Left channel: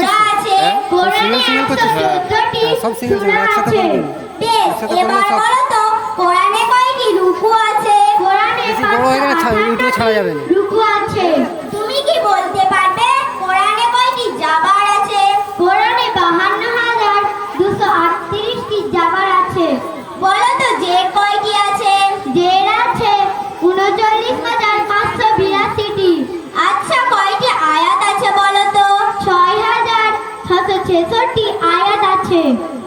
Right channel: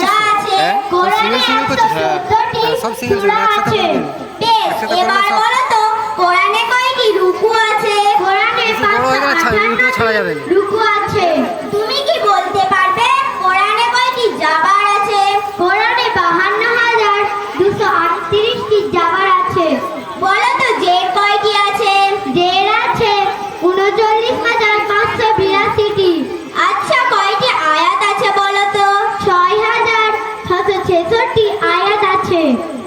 করছিস? হ্যাঁ single single করছিস? হ্যাঁ সব সিঙ্গেল সিঙ্গেল একসাথে করবি না। বলো তো কোরআনে কয়টি রুকু আছে? কোরআনে বড় হয়ে গেলে ইউটিউবে ছাড়া যাবে না। রুকু আছে। তুমি কি বলতে পারবে কোরআনে কয়টি জাবার আছে? কোরআনে 52,238টি জাবার আছে। বলো তো জের কয়টি আছে? জের আছে 39,582টি। আচ্ছা কয়টি আয়াত আছে বলো তো? 6,666টি আয়াত আছে।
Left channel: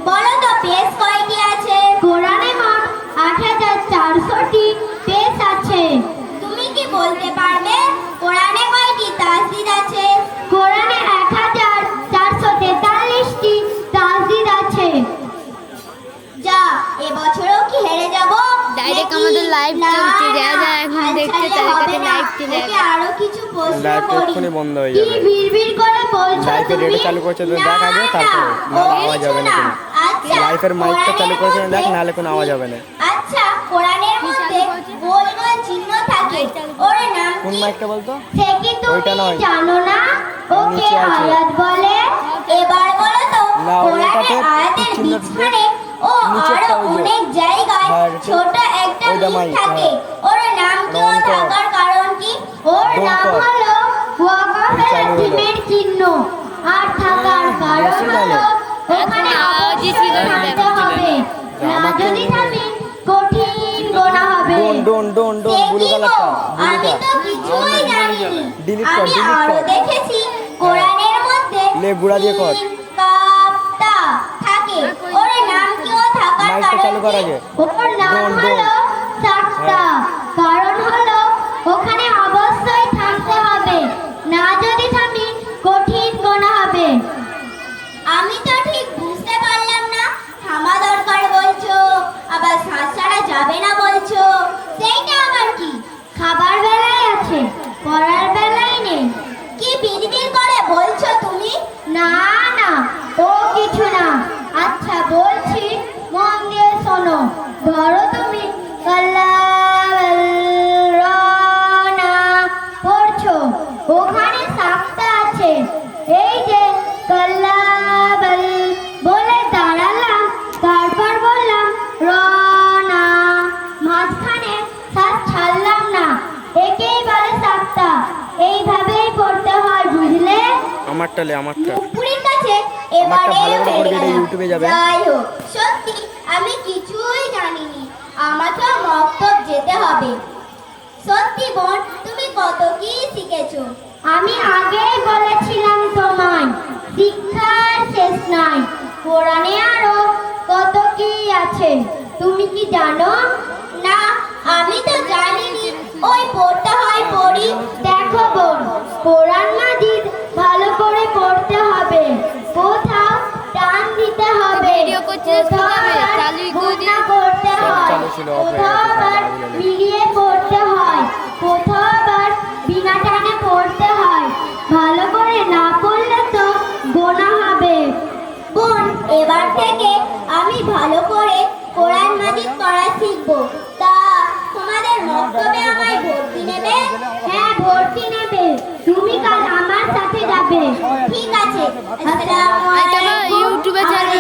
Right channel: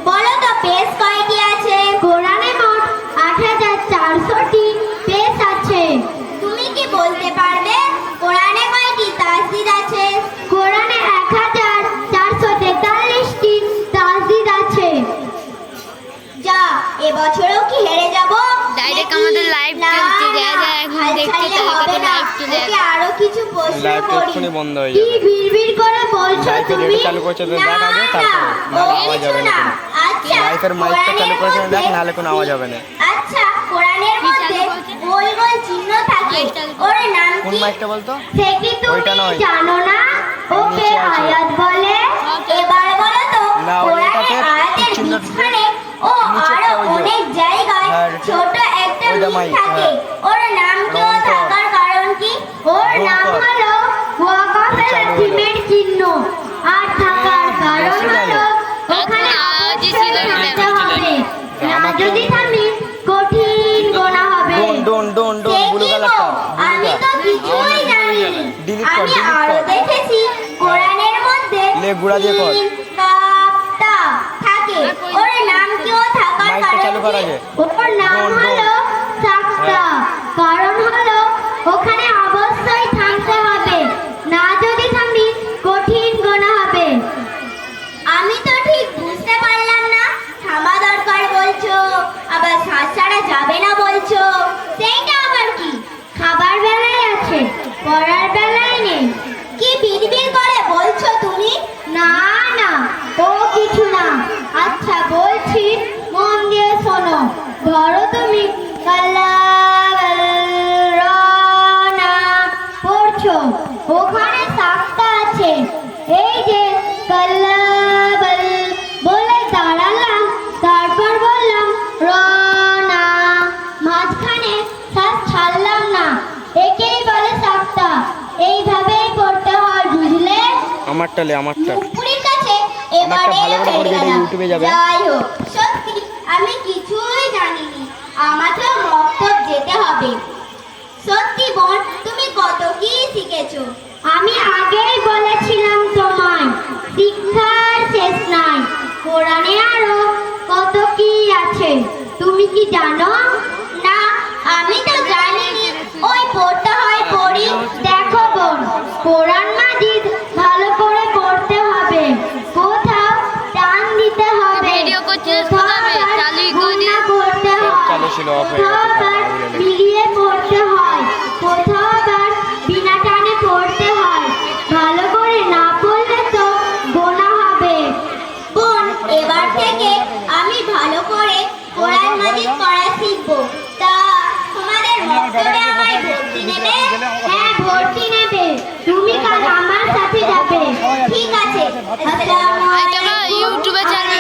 বলো তো পেজ কয়টি আছে? কোরআনে মোট 8,400টি পেজ আছে। তুমি কি বলতে পারবে কোরআনে কয়টি তাসদিদ আছে? কোরআনে 1,443টি তাসদিদ আছে। যা এবছরও কি হেরে যাব? ডাইরেক্ট আমাদের লাইভ চলছে, যা যা এখন দেখতে তাদের কাছে লাইভ চলে যাবে। আরো কিছু প্রশ্ন লাইভ করি। এক্ষুনি বন্ধ হয়ে কি যাবে। বিড়বিড় করে বলছো লাইভে তুমি? যেটা চালু করছে দেখ আগে, তারপরে নাহলে আওয়াজ হবে না কোনো। আচ্ছা লাইভের মাইকটা চালু করেছে দেখ, নাহলে কোনো আওয়াজ হবে না। আচ্ছা কোরআনের মধ্যে গোল গোল চিহ্ন থাকে, ওর নাম কোন কি? মাইকটা বলতো? সে কি ওইটা তুমি নয়। জানো না? ওকে নিচে আছে। আয়াত বলে। এবার বলো তো না, কোরআনের ওইটাতে আয়াতের চিহ্ন মাঝখানে ও নিচেরটা আরো ওই যে। অনেক জায়গায় হ্যাঁ, ছোট একটা ওইটা লিক মাইক, থাকে, হ্যাঁ। ওর নাম কি? ও রং কর। থাকার কারণ কি? ওর রং নাম কর। হলো ওয়াকাফের চালু হলো। জিমের চিহ্ন। আর থাকার কারণ বেশি হলো ভালো। ওখানে আওয়াজই অবশ্যই ছিল না। থাকতে হবে। না আমাকে যদি থামি কঠিন গোনা হবে। ডোন ব্লু কালারটা আমি তো কিছুই জানি না। Delete কর, আমি delete আরো কর। দেখেছি কোরআনের মধ্যে লে, গুড়া দিয়ে কর। সিন, কাফ, তা থাকে। ওর নাম কি? ও থাকার মাইকটা কারণ চালু কর কি? আগে। ওর নাম ডোন। হলো সাক্তা। কারণ হলো ওখানে অবশ্যই থাকতে হবে, না যদি থামি কঠিন গোনা হবে। আমি তো ঠিক বুঝতে পারলাম না, থামা দরকার বলছো আবার শ্বাস ছাড়া যাবে না বলছো, সেইটা আবার কি? খাবার বেলায় আছে, পড়ার বেলায় নেই। কি বিড়বিড় করে বলছো তুমি? না না ও কিছু না। আচ্ছা বলছি, মন দিয়ে শোনো। ধরো তুমি কাল্লানা পড়ছো, ওখানে সাক্তা আছে। এই যে কাল্লাবাল বলে দাঁড়ালাম, তারপর বললাম রনা, মাঝখানে শ্বাস ছাড়লাম না, একেই বলে সাক্তা। এইভাবেই পড়তে হয়, বুঝলে? আমারটা লে, আমারটা। মুখপুরীর কাছে আমারটা ভালো করে এবারে পড়বি, এটা হেরে গেলাম। ইউটিউবে যাবে। যাই হোক, সত্যি আমি কিছুই জানিনি, আমাকেও মক্তব যেতে হবে। সত্যি বোন, তুমি কত কি শিখেছো। আমি আগেই বলেছিলাম তোমায়, শিক্ষার শেষ নাই। কোরআনে আরো কত কি আছে, তুমি কি জানো? না আমি তো জানিনি। ওই পড়তে হয় পড়ি। দেখো বোন, কোরআন মাজিদ ভালো করে পড়তে হবে, কোথাও টান দিতে হবে, ভিডিও করছিস কোথাও কিভাবে? আবার চালু করে গুণনা করতে সব হয়, চালু ছিল, off হয়ে কোথাও গেছে, আবার আগুলে লেগে। মিলিয়ে পড়তে হয়, কোথাও আবার বিনা টানে পড়তে হয়। ভালো করে না পড়লে তো গোনা হবে। বোন, এবার থেকে আমি ভালো করে কোরআন মাজিদ পড়া শিখবো। তা তোমাদের মক্তবে আমায় ভর্তি নেবে? হ্যাঁ ভর্তি নেবে। তুমি কাল আমার সাথে যাবে। ঠিক আছে। আসসালামু এটা আলাইকুম। ইউটিউবে ছাড়বে।